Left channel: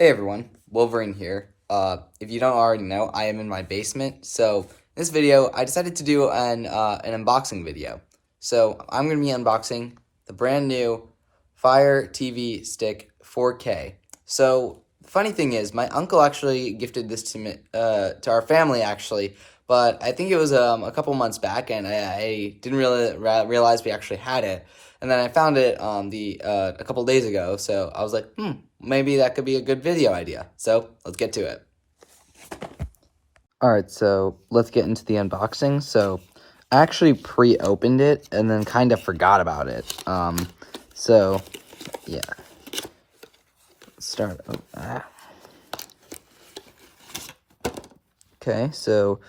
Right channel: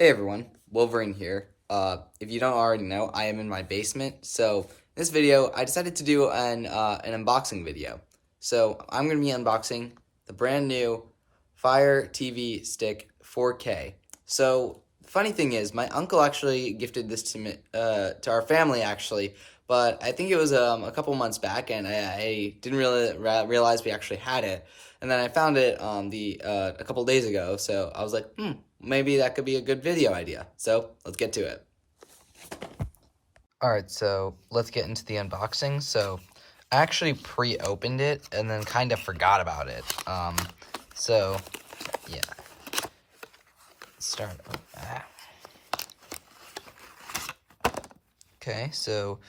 Hey everyone, Wolverine here. If you don't already know, I am in my basement. So in this video, I decided to do an unboxing video. So I'm going to be unboxing the brand new Fire TV Stick 4K. So funny thing is, my uncle actually gifted this to me, to our family actually, but I think it was a couple months back, and I didn't really realize we actually had it. And then I found it a couple days ago, so I was like, maybe that could be a good video idea. So let's get to it. Alright, so let's get into the unboxing. So I actually pre-opened it and then kind of forgot about it. So yeah. Let's start. Okay, so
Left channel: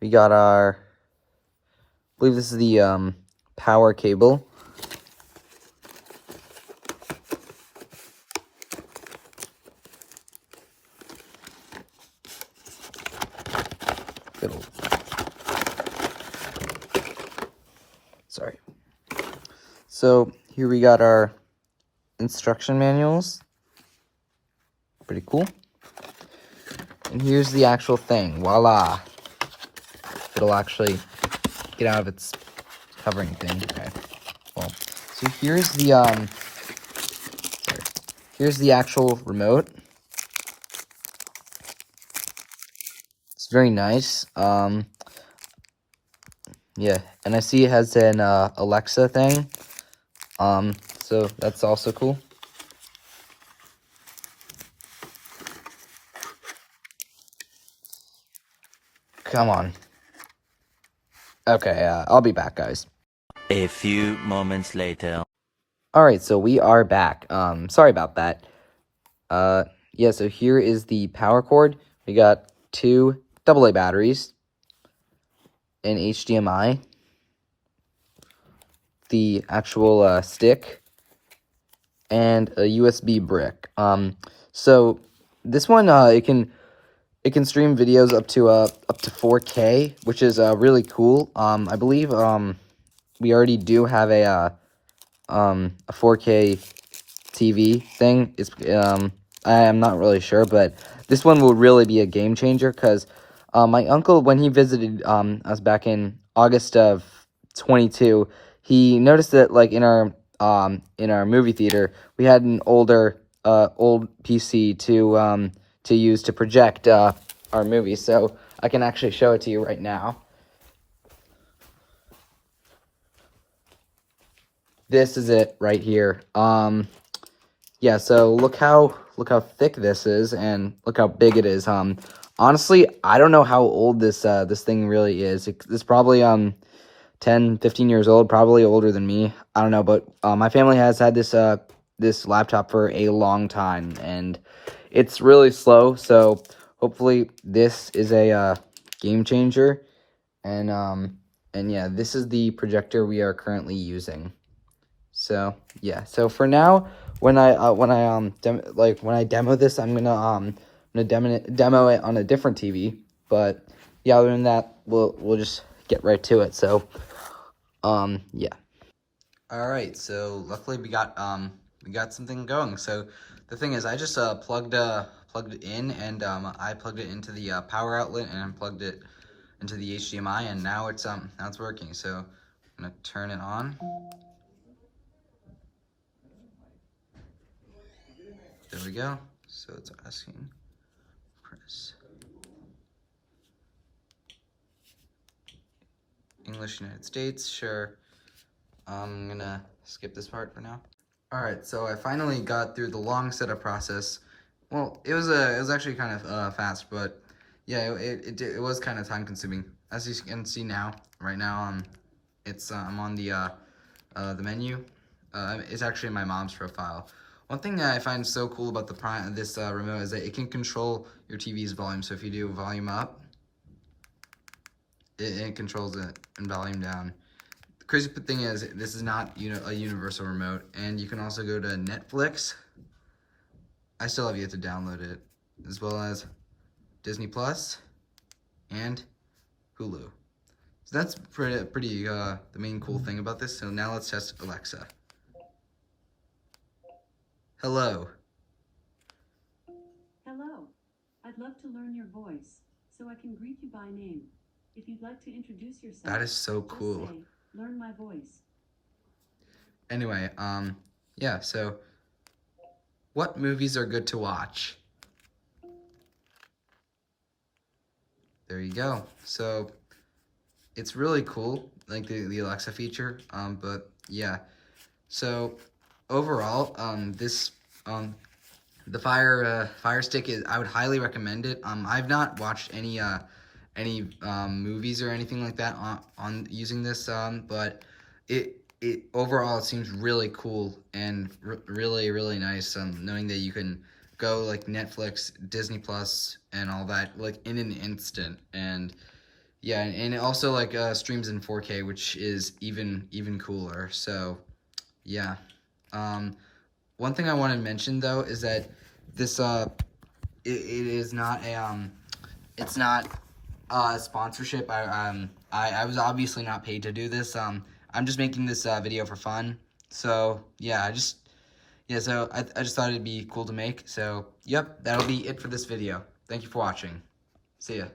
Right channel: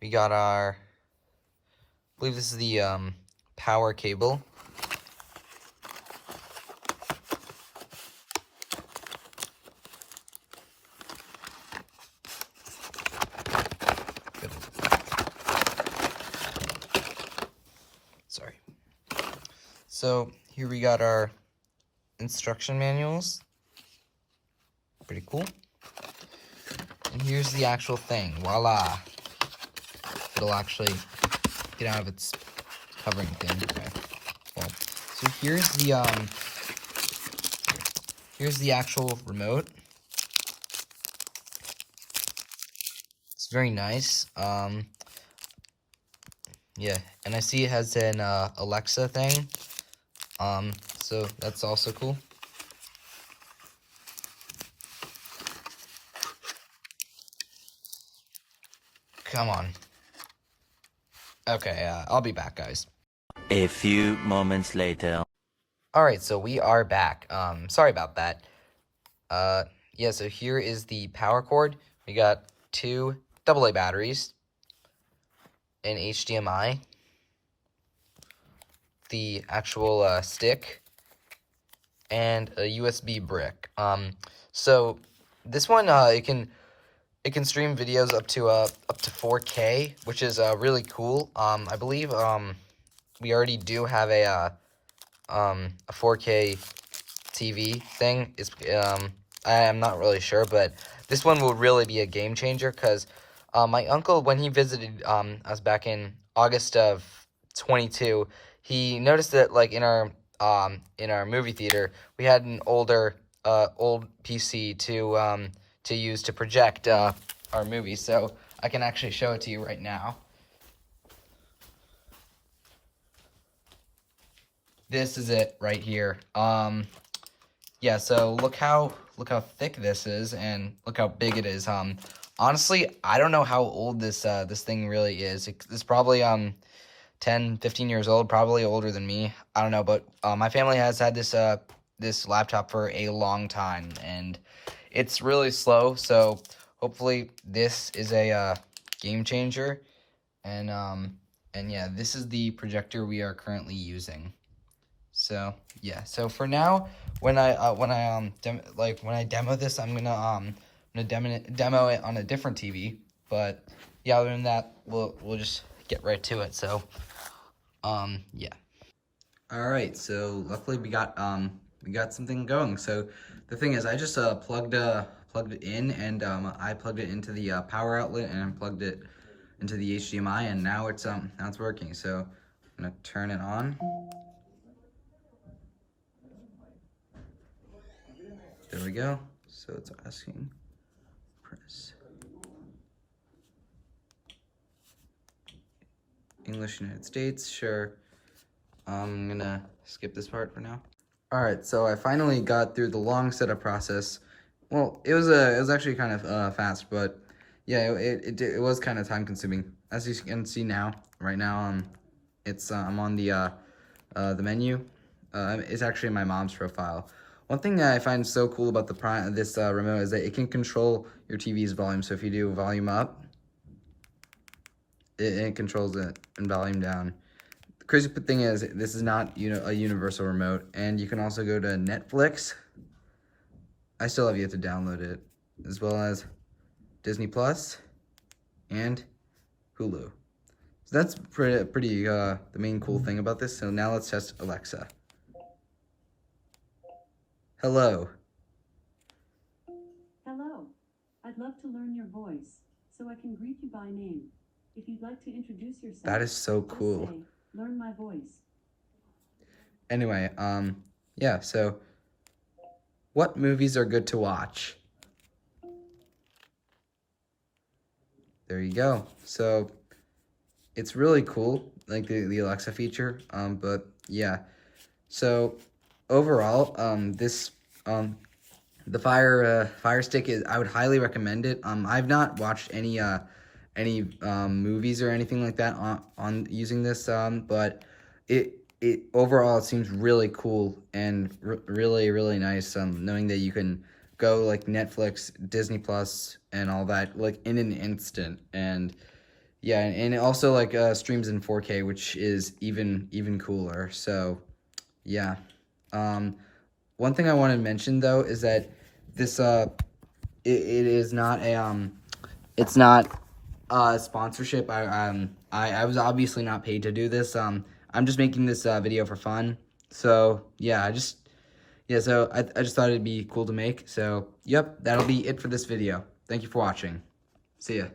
we got our, I believe this is the power cable. Sorry. So here we got our instruction manuals. Pretty cool. And here's the actual thing. Voila. It'll actually get out of its covering thing. Okay. Well, so here's the actual remote. It's very nice. Yeah, and I see it has an Alexa thing. So that's also cool. Come on. Okay, I'll be back, guys. A few moments later. Alright, so we are back. Sorry about that. Yeah, so here is the power cord. We got two AA batteries, an HDMI, the actual stick, and a USB brick. So this one it can stream videos up to 4K, which is really cool. I believe we already do have a 4K TV thing. It's I am not really sure, but this one will really be a game changer because my uncle, when he visited us back in August of 22, he noticed that like in our movie theater we had an old PC to use to project our movie. So I can actually show it to you right now. This is it right here. Yeah, so look how thick this is, and look how big it is. Honestly, I don't know how old this thing really is. It's probably 10, 15 years old, probably older than me. I don't know, but my family has had this laptop for a long time, and it's really slow. So hopefully this is a game changer. And yeah, this is the projector we are currently using. So yeah, so for now, when I demo this, I'm gonna demo it on a different TV. But yeah, other than that, we'll just get right to it. So yeah. All right, so luckily we got something going. So the thing is, I just plugged it in, and I plugged it into the power outlet, and I plugged it into the HDMI, and now it's working. So I'm gonna turn it on. There we go. So it's asking, press English United States, sure. I'm gonna skip this part for now. All right, so I finally got through the long setup process. Well, it was actually kind of fast, but yeah, it was kind of time consuming. As you can see now, right now, it's I'm on the menu. It's actually my mom's profile. One thing that I find so cool about this remote is that it can control your TV's volume. So if you do volume up, it controls it, and volume down. The crazy thing is, this is not a universal remote, and you can also go to Netflix. I still have yet to download it, as well as Disney Plus and Hulu. So that's pretty the main cool thing about this. So now let's test Alexa. Hello. Hello. I'd love to learn your voice, so I can greet you by name. If you'd like to introduce yourself, That is so just cool. say, learn my voice. Anyway, yeah, so what movies are good to watch? There you go. So it's really cool, like the Alexa feature. But yeah. So overall, the Fire Stick is, I would highly recommend it. I've not watched any movies or anything like that on using this, but it overall it seems really cool and really nice. Knowing that you can go like Netflix, Disney Plus, and all that like in an instant, and yeah, and it also like streams in 4K, which is even cooler. So yeah. One thing I want to mention though is that this it is not a it's not sponsorship. I was obviously not paid to do this. I'm just making this video for fun. So yeah, so I just thought it'd be cool to make. So yep, that'll be it for this video. Thank you for watching. See ya.